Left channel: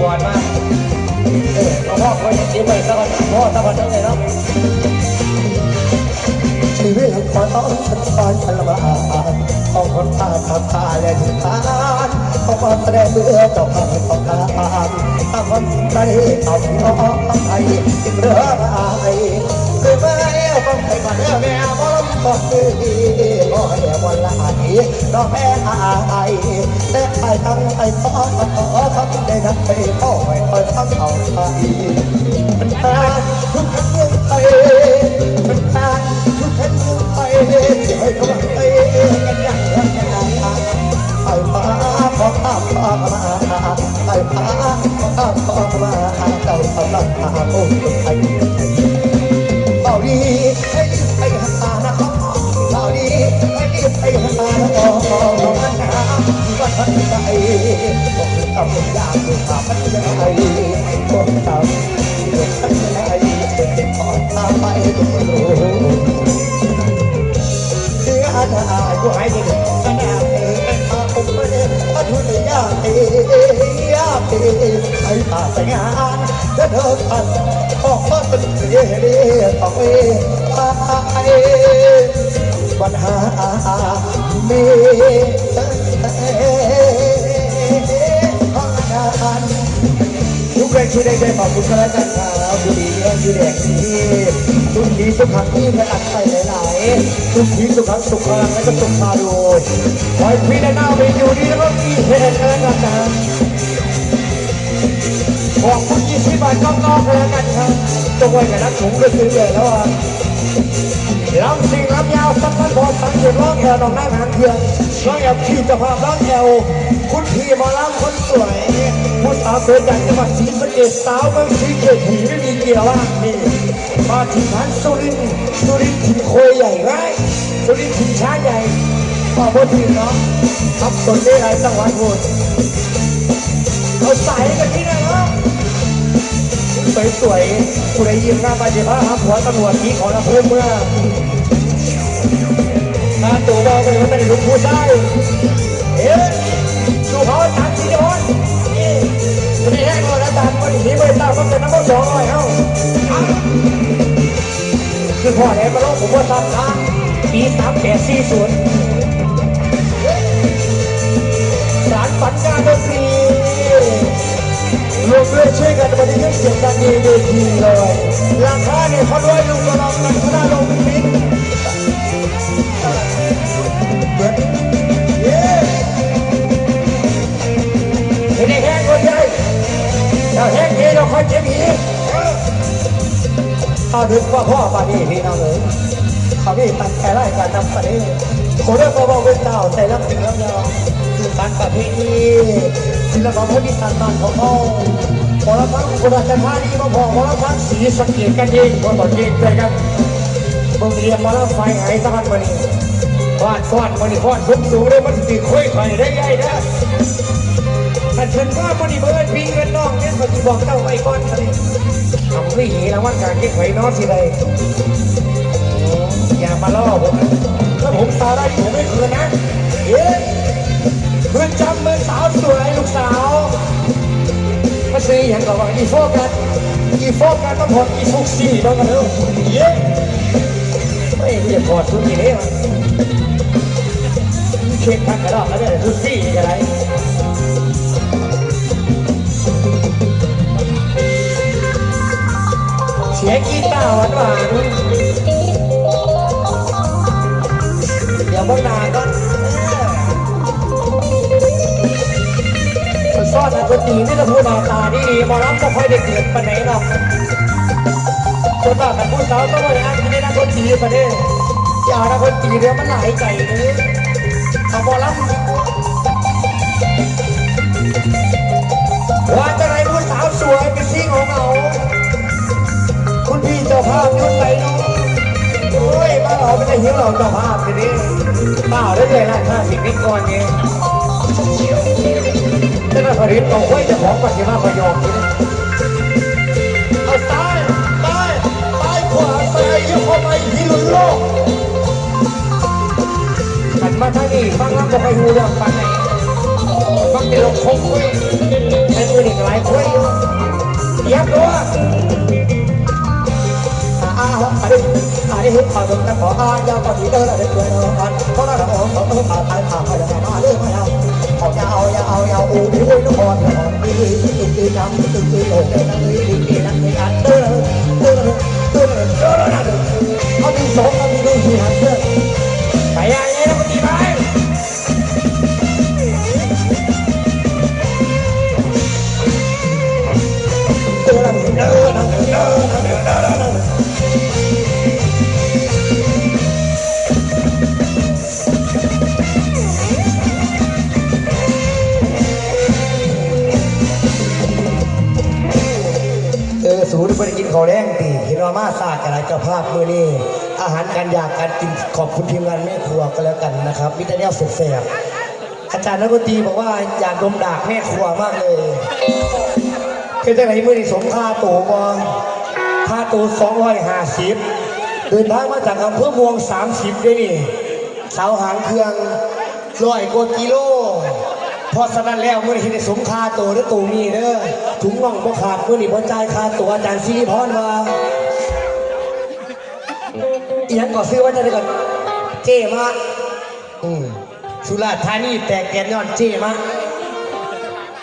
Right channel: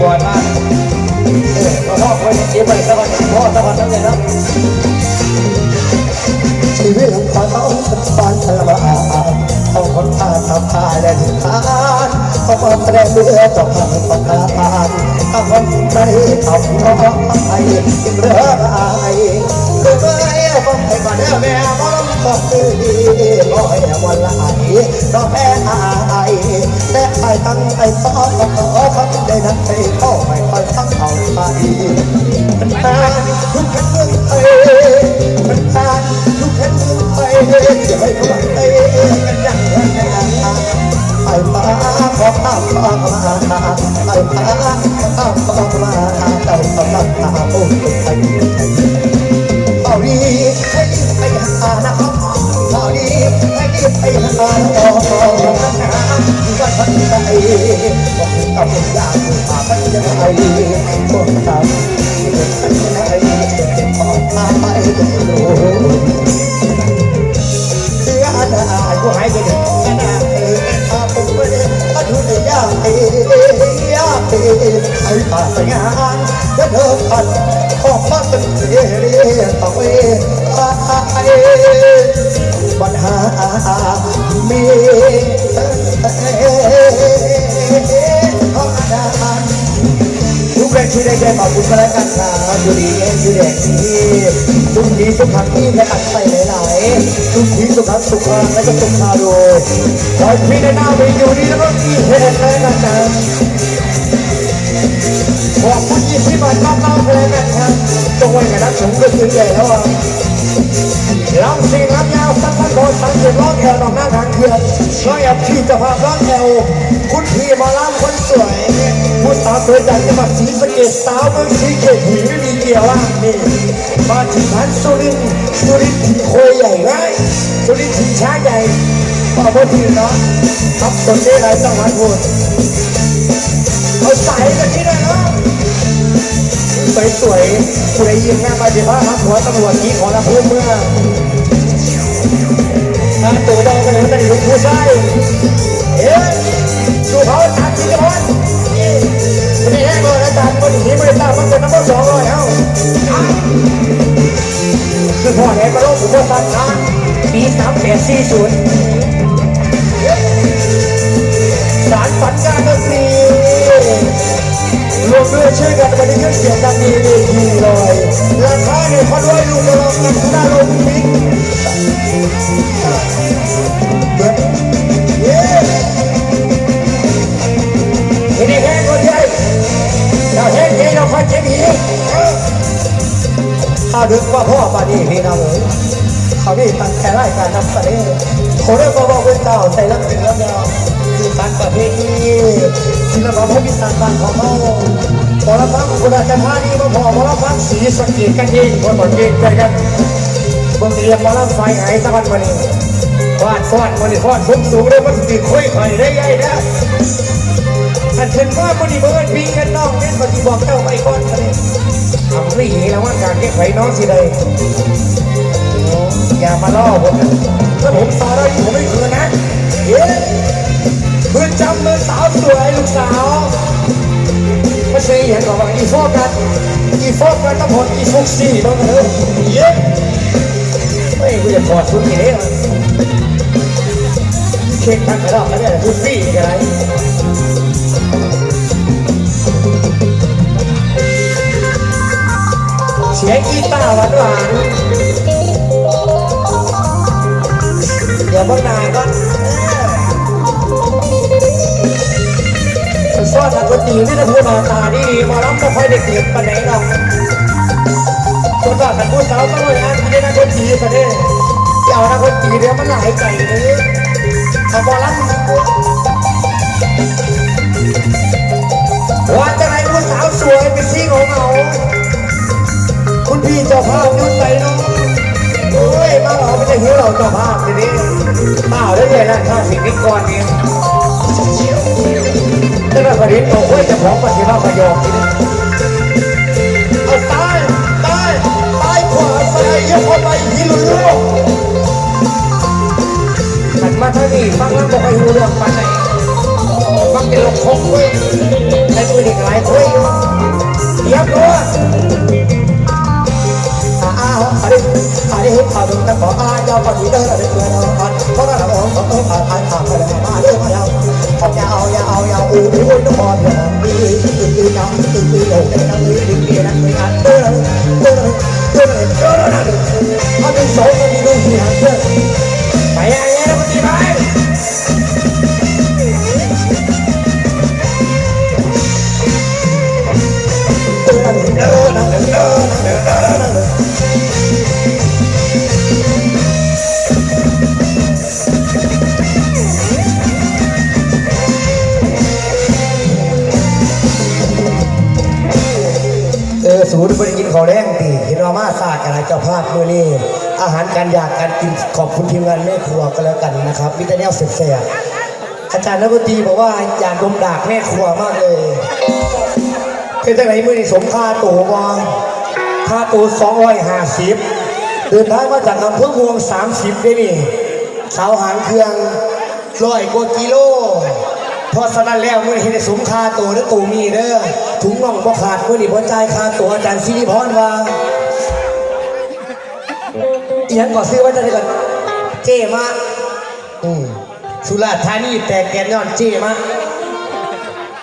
พอท่านเออพ่อคนเสียไปสักันพ่อสักันนั่นเลยนะชีวิตของพ่าต้องปานชะลาต้องคนพาทำพาและสุดท้ายพอพ่แสดงเรือจบคำต้องพาทางคนใจทำน้องไทยเรือ ปัญหามี กแรงคิดในใจบคุณกันแล้วกันครับดูดีดูเด็กที่ดูดีสุขังที่และตัดไปหลายๆดูดีสุขังสุขานและก็สุขาโดยคอพี่ได้หน้าไปดูดีแล้วก็มีเพลงแล้วกันนะขอบคุณยินที่มาน้องๆกันแล้วกันครับตรงไว้กับนักผมก็คือใหญ่แล้วอะลำสิ่งลำยาวสักพักพอสังเกตร้องแถวด สะเกษสาวเมืองสีเกษหีไม่มีเกียวล่ะนี่มาถึงนั้นสุรินสุรินถิ่นโคยใหญ่ไงสุรินถิ่นช้าใหญ่ต่อพอทีนะครับส่วนนี้ไรสังหวัดพูดเขาใส่กันที่ไหนเนาะสวยสวยๆสวยยิงงานไปเดี๋ยวพาหัวตำรวจนี้ขอรับเพื่อนารประเพณีศิลปะพมิสันบ้านของเขาพอละพังคุณอาจารย์ท่านี่มาพอพอละพังสีสังเกตกันยิ่งคนบนยิ่งกันครับบิ่งเรียนมาละไฟหายตะวันวันนี้ฟาดฟาดวันนี้ฟาดพุ่งสูงได้วันที่คุยไปได้ใหญ่นะอันเป็นว่ามันนี่เบิร์ดปีกันนอกแค่มันบอกเจ้าไปก่อนทะเลทำไม่หีแล้วว่าการแก้ไขน้องสิใดอย่ามาล่อผมนะถ้าผมตาได้ผมไม่คืนนะเย้ เพื่อนจำเมื่อสาวสวยลูกสาวมาซื้ออย่างกับว่าอีโฟกันอีโฟกันต้องพออีโฟกซี่ต้องกันเลยเย้ไม่กูจะถอดชุดนี้เช็คทักกระดอกแล้วเนี่ยชุดซี่นี่อะไรเสียงกีตาร์หวานหวานเดี๋ยวพ่อตาก็ อนปกติไม่จะพูดมาตาดีมอล้ำก็ค่อยได้เกิดปันไหนหรอกจนกว่าแต่พูดแล้วก็เลยนะที่ได้นักคนตรีซะเนี่ยเจ้านักคนตรีเนี่ยมันหลายใจเลยเอามอลล้ำ อาดิอ แรงตีพี่น้องมาศาสตร์อะไรเจ้าภาพมือนี้อาหารการอยากการกินขอบคุณทีมงานแม่ครัวก็แล้วกันนะครับวิทยาสุดแสบอาจารย์นักดนตรีบอกว่าอยากดมดากแม่ครัวมากเลยเป็นจังไหนมือนี่สมค่าตัวบอค่าตัวสองร้อยห้าสิบเดินทางมาจากอำเภอเมืองสามสิบได้นี่สาวหางเครื่องร้อยกว่ากิโลพอสนั้นแล้วมือที่ได้สมค่าตัวแล้วตัวมีเด้อ ถุงน่งก็ขาดมือนี่พอใจายค่าตัวอาจารย์ซีพรว่าเอียังก่อซื้อว่าจะได้ก่อนเจมาอืมสุราษฎร์ธานีแต่แกนย้อนเจมา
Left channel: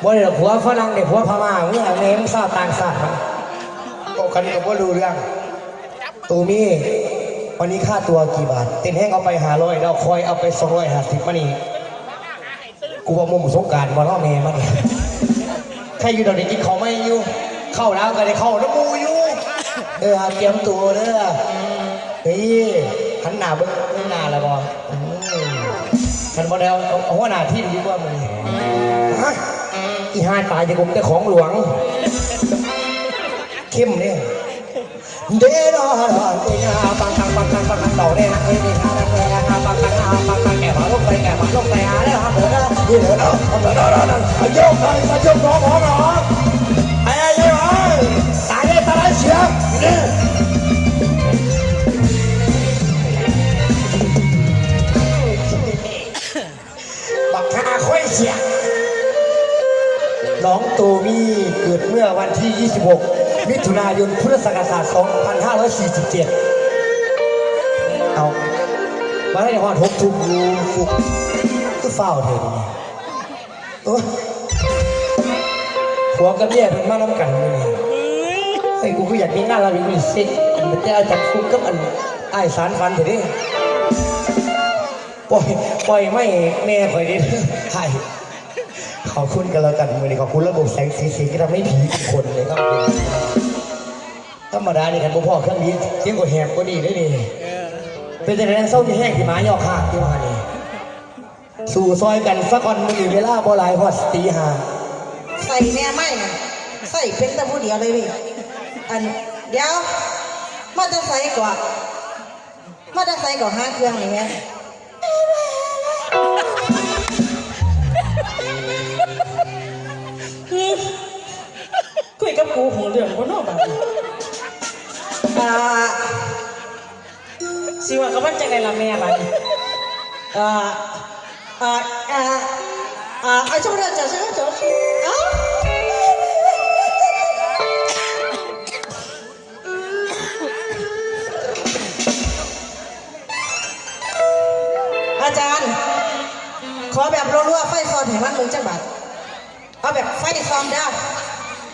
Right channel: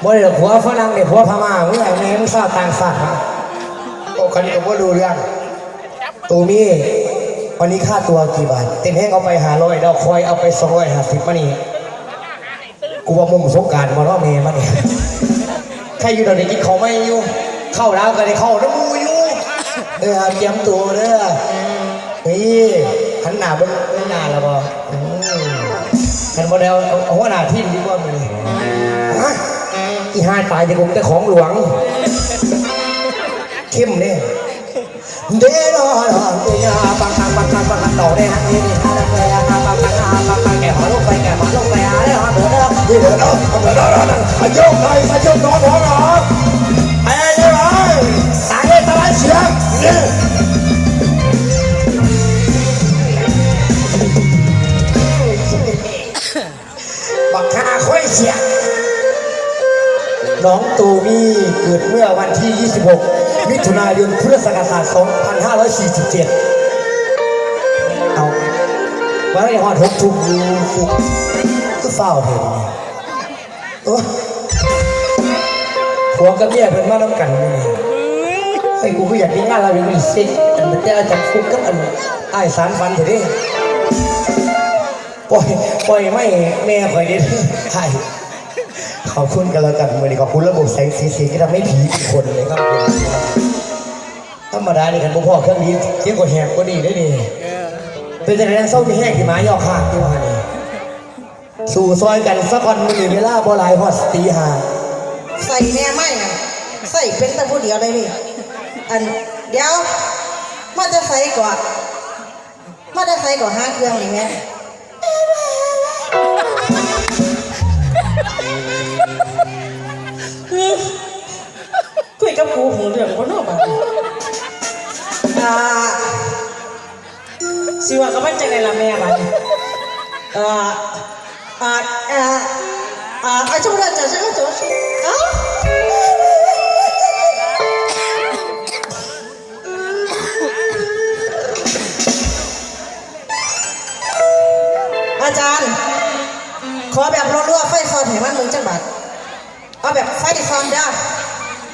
บ่ได้ดอกผัวฝรั่งเด็กผัวพม่าเมึงอย่างแม่มึงทราบต่างชาติมาก็คนนี้ก็บ่รู้เรื่องตัวนี้วันนี้ค่าตัวกี่บาทเต็มแห้งเอาไปหาร้อยแล้วคอยเอาไปสองร้อยห้าสิบมานี่กูว่ามุ่งสงการมาล้อเมย์มาเนี่ย ใครอยู่เดี๋ยวนี้กินเขาวไม่อยู่ เข้าแล้วกันเลยเข้าน้ำมูอยู่เออเตรียมตัวเด้อนี่หันหน้าเบิ่งเบิ่งหน้าแล้วบอืมคันบ่แล้วเอาหัวหน้าทีมดีกว่ามึงอีห้าตายในกรุงแต่ของหลวง เข้มเนี่ยเด้อดอดอกุญาปังปังปังปังปังปังดอกเนี่ยนะนี่นี่นะปังปังปังปังปังปังปังแก่หัวลงไปแก่หัวลงไปอะเด้อเด้อเด้อเด้อเด้อเด้อเด้อเด้อเด้อมันโยกไปมันโยกน้องน้องน้อง น้องโตมี่เกิดเมื่อวันที่ 26 มิถุนายน พุทธศักราช 2547 เอาวันนี้ฮอดหกทุ่มอยู่ฟุกคือเฝ้าเห็นเนี่ยโอ้ผัวกับเมียเพิ่นมาน้ำกันนี่ไอ้กูก็อยากกินงานเราอยู่อีสิอันจะจากฟุกกับอันไอ้สารฟันเถอะดิปล่อยปล่อยไม่แม่ข่อยดิใช่ ขอบคุณกันแล้วกันมือนี้ขอบคุณระบบแสงสีสีที่ทำให้ผีทุกคนเลยครับธรรมดานี่กันพ่อเครื่องนี้เที่ยวกับแหบก็ดีได้ดีเป็นแต่แรงเศร้าที่แห้งที่หมายอขาดที่มาเนี่ยสู่ซอยกันสักวันมือเวลาพอหลายพอสตีหาใส่แน่ไม่นะใส่เป็นแต่ผู้เดียวเลยพี่อันเดี๋ยวมันจะใส่ก่อนมันจะใส่ก่อนห้าเครื่องอย่างเงี้ย กับครูหูเรื่องคนนอกบ้านอ่าสิว่ากับมันจะไงล่ะแม่บ้านอ่าอ่าอ่าอ่าอ่าช่วยเราจัดช่วยจัดอ่าอาจารย์ ขอแบบรัวๆไฟซอนให้มันมึงจังบัดเอาแบบไฟซอนเด้อ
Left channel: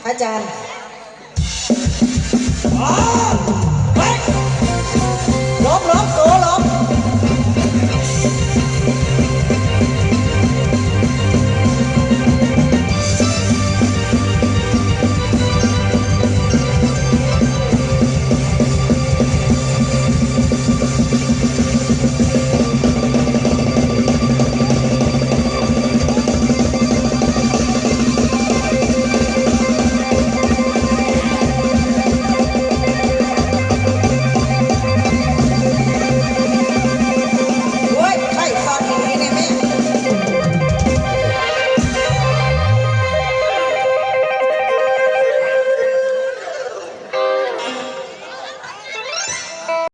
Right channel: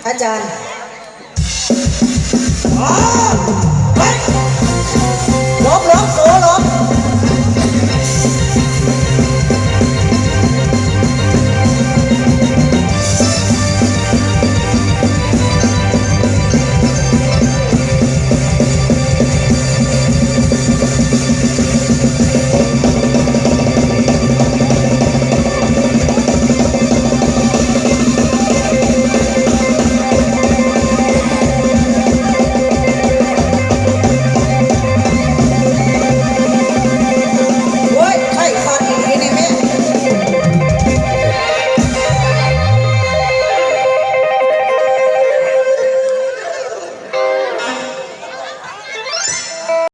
อาจารย์